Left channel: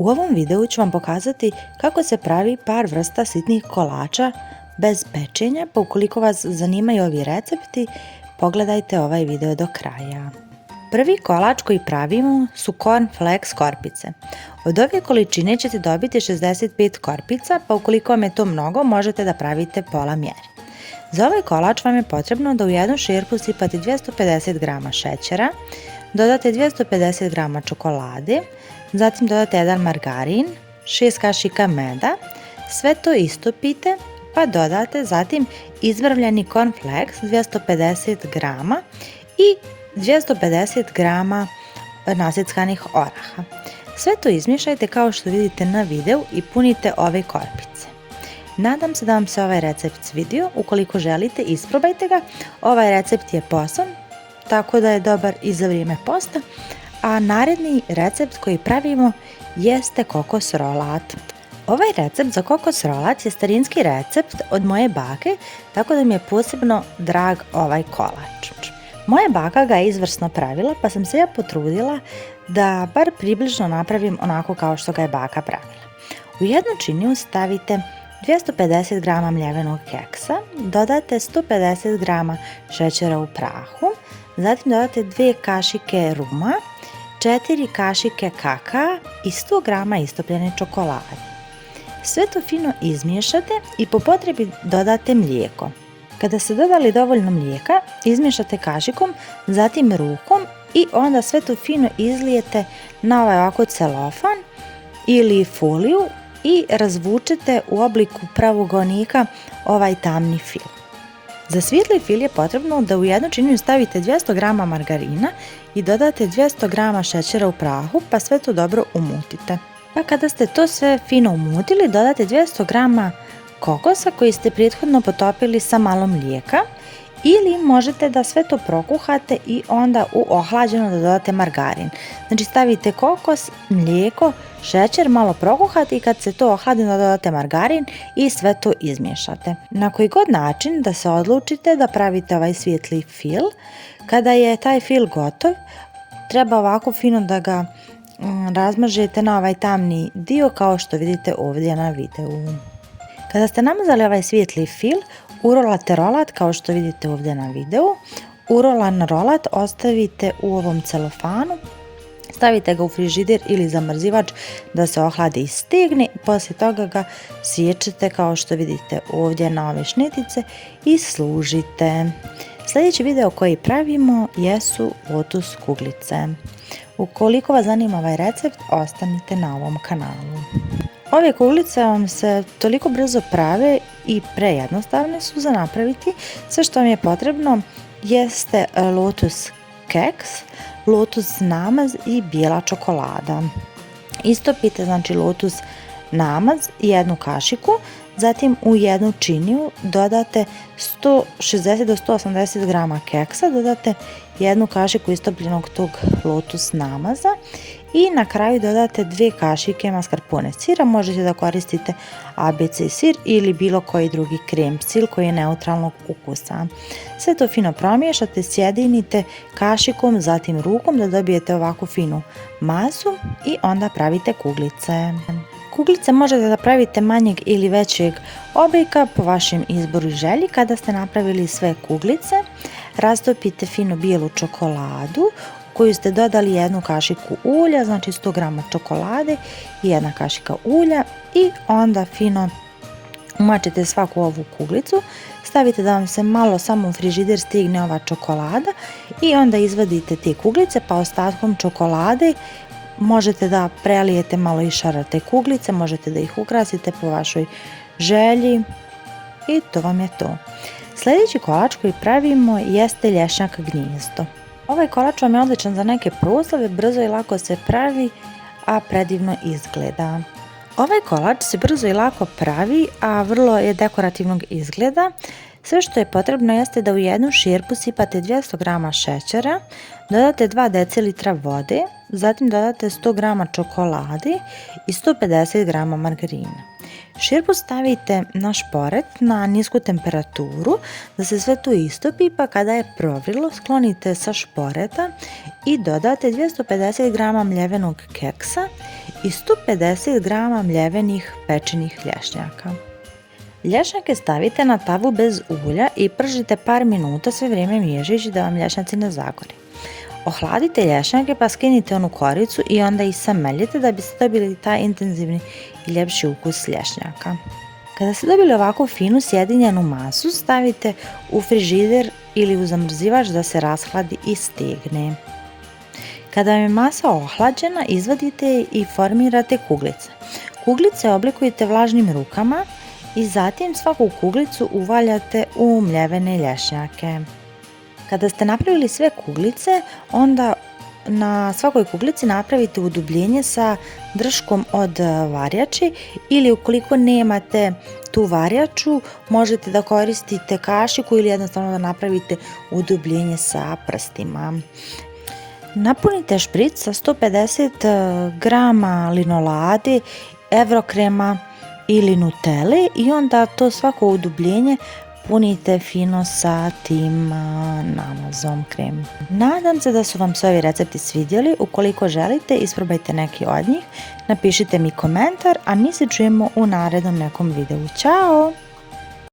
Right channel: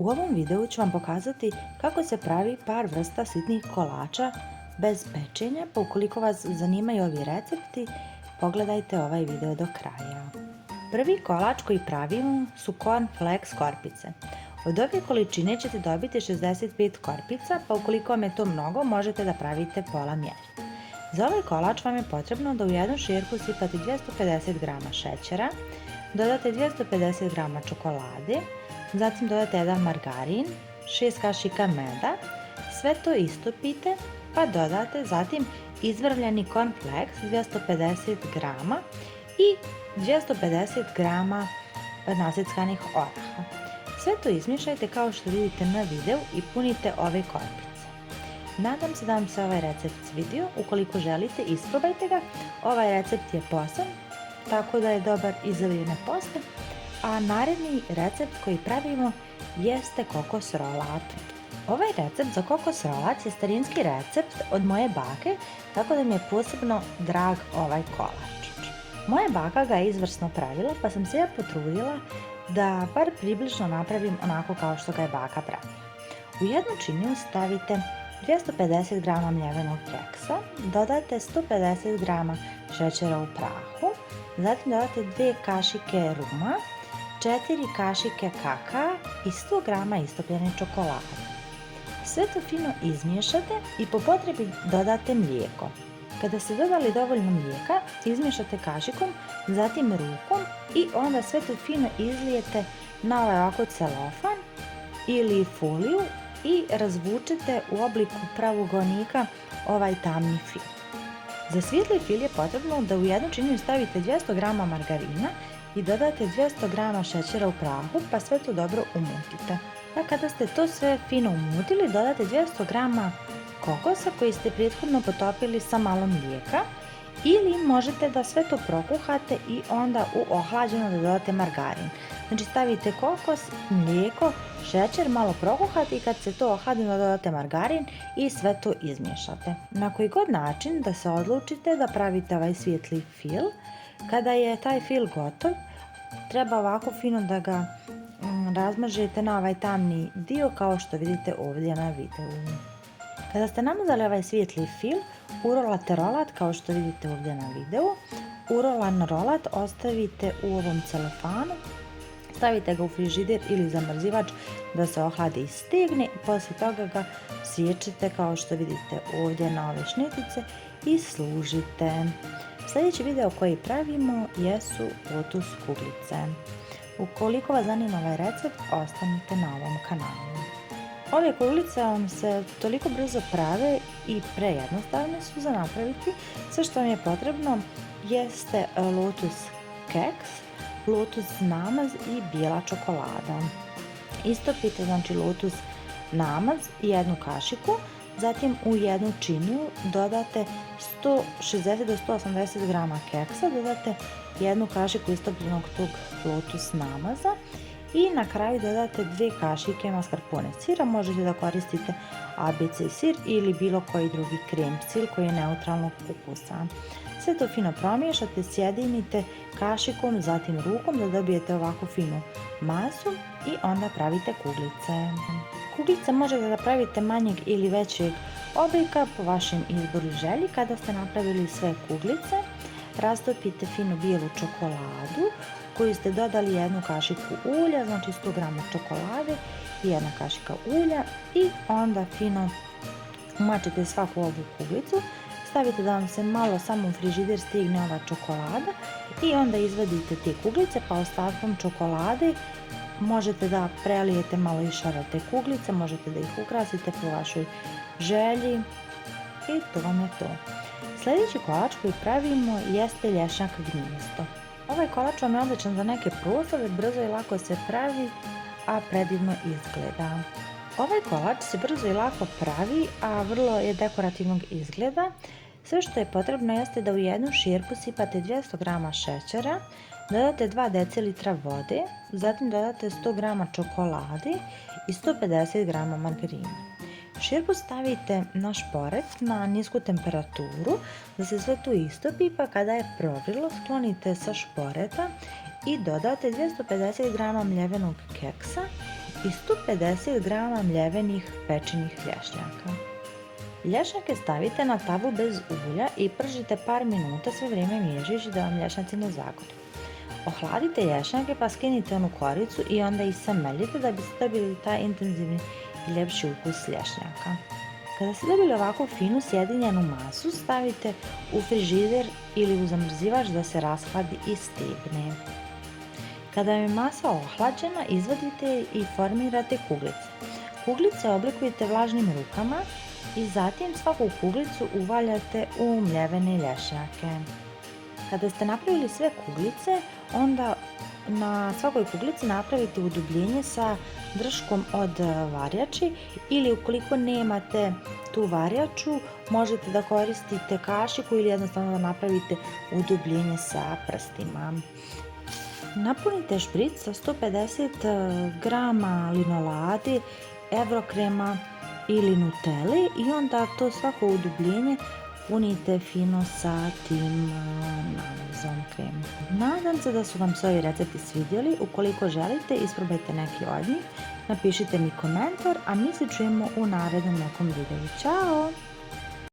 U ovom videu ću vam pokazati kako se pravi par vrsta sitnih kolača bez pečenja, pa ukoliko vas zanimaju ovi recepti, pogledajte ovaj video do kraja. Prvi kolač koji pravimo su cornflakes korpice. Od ove količine ćete dobiti 65 korpica, pa ukoliko vam je to mnogo, možete da pravite pola mjeri. Za ovaj kolač vam je potrebno da u jednu šerpu sipate 250 g šećera, dodate 250 g čokolade, zatim dodate jedan margarin, 6 kašika meda, sve to istopite pa dodate zatim izvrvljeni cornflakes 250 g i 250 g naseckanih oraha. Sve to izmiješajte kao što vidite na videu i punite ove korpice. Nadam se da vam se ovaj recept svidio. Ukoliko želite, isprobajte ga. Ovaj recept je posan, tako da je dobar i za vrijeme posta. A naredni recept koji pravimo jeste kokos rolat. Ovaj recept za kokos rolat je starinski recept od moje bake, tako da mi je posebno drag ovaj kolač. Moja baka ga je izvrsno pravila, pa sam se ja potrudila da bar približno napravim onako kao što ga je baka pravila. U jednu činiju stavite 250 g mljevenog keksa, dodate 150 g šećera u prahu, zatim dodate 2 kašike ruma, 4 kašike kakaa i 100 g istopljene čokolade. Sve to fino izmiješate i po potrebi dodate mlijeko. Kada ste dodali dovoljno mlijeka, izmiješate kašikom, zatim rukom i onda sve to fino izlijete na ovaj ovako celofan ili foliju i razvučete u obliku pravogonika ovaj tamni fil. Za svijetli fil je potrebno da u jednu činiju stavite 200 g margarina i dodate 200 g šećera u prahu, pa sve to dobro umutite. Pa kada ste to sve fino umutili, dodate 200 g kokosa koji ste prethodno potopili sa malo mlijeka, ili možete da sve to prokuhate i onda u ohlađeno da dodate margarin. Znači stavite kokos, mlijeko, šećer, malo prokuhate i kad se to ohladi dodate margarin i sve to izmiješate. Na koji god način da se odlučite da pravite ovaj svijetli fil, kada je taj fil gotov, treba ovako fino da ga razmažete na ovaj tamni dio kao što vidite ovdje na videu. Kada ste namazali ovaj svijetli fil, urolate rolat kao što vidite ovdje na videu. Urolan rolat ostavite u ovom celofanu, stavite ga u frižider ili zamrzivač da se ohladi i stegne, poslije toga ga siječete kao što vidite ovdje na ove šnitice i služite. Sljedeći video koji pravimo jesu lotus kuglice. Ukoliko vas zanima ovaj recept, ostanite na ovom kanalu. Ove kuglice vam se toliko brzo prave i prejednostavne su za napraviti. Sve što vam je potrebno jeste lotus keks, lotus namaz i bijela čokolada. Istopite znači lotus namaz i jednu kašiku, zatim u jednu činiju dodate 160 do 180 g keksa, dodate jednu kašiku istopljenog tog lotus namaza i na kraju dodate 2 kašike mascarpone sira. Možete da koristite ABC sir ili bilo koji drugi krem sil koji je neutralnog ukusa. Sve to fino promiješate, sjedinite kašikom, zatim rukom da dobijete ovako finu masu i onda pravite kuglice. Kuglice možete da pravite manjeg ili većeg oblika po vašem izboru i želji. Kada ste napravili sve kuglice, rastopite fino bijelu čokoladu koju ste dodali jednu kašiku ulja, znači 100 g čokolade i jedna kašika ulja i onda fino umačete svaku ovu kuglicu, stavite da vam se malo samo u frižider stigne ova čokolada i onda izvadite te kuglice, pa ostatkom čokolade možete da prelijete malo i šarate kuglice, možete da ih ukrasite po vašoj želji i to vam je to. Sljedeći kolač koji pravimo jeste lješnjak gnjezdo. Ovaj kolač vam je odličan za neke proslave, brzo i lako se pravi, a predivno izgleda. Ovaj kolač se brzo i lako pravi, a vrlo je dekorativnog izgleda. Sve što je potrebno jeste da u jednu šerpu sipate 200 g šećera, dodate 2 decilitra vode, zatim dodate 100 g čokolade i 150 g margarina. Šerpu stavite na šporet na nisku temperaturu da se sve to istopi, pa kada je provrilo sklonite sa šporeta i dodate 250 g mljevenog keksa i 150 g mljevenih pečenih lješnjaka. Lješnjake stavite na tavu bez ulja i pržite par minuta sve vrijeme miješajući da vam lješnjaci ne zagore. Ohladite lješnjake pa skinite onu koricu i onda ih sameljite da biste dobili taj intenzivni i ljepši ukus lješnjaka. Kada ste dobili ovako finu sjedinjenu masu, stavite u frižider ili u zamrzivač da se rashladi i stegne. Kada vam je masa ohlađena, izvadite je i formirate kuglice. Kuglice oblikujete vlažnim rukama i zatim svaku kuglicu uvaljate u mljevene lješnjake. Kada ste napravili sve kuglice, onda na svakoj kuglici napravite udubljenje sa drškom od varjači ili ukoliko nemate tu varjaču, možete da koristite kašiku ili jednostavno da napravite udubljenje sa prstima. Napunite špric sa 150 g linolade, evrokrema ili nutele i onda to svako udubljenje punite fino sa tim namazom kremom. Nadam se da su vam se ovi recepti svidjeli. Ukoliko želite, isprobajte neki od njih. Napišite mi komentar, a mi se čujemo u narednom nekom videu. Ćao!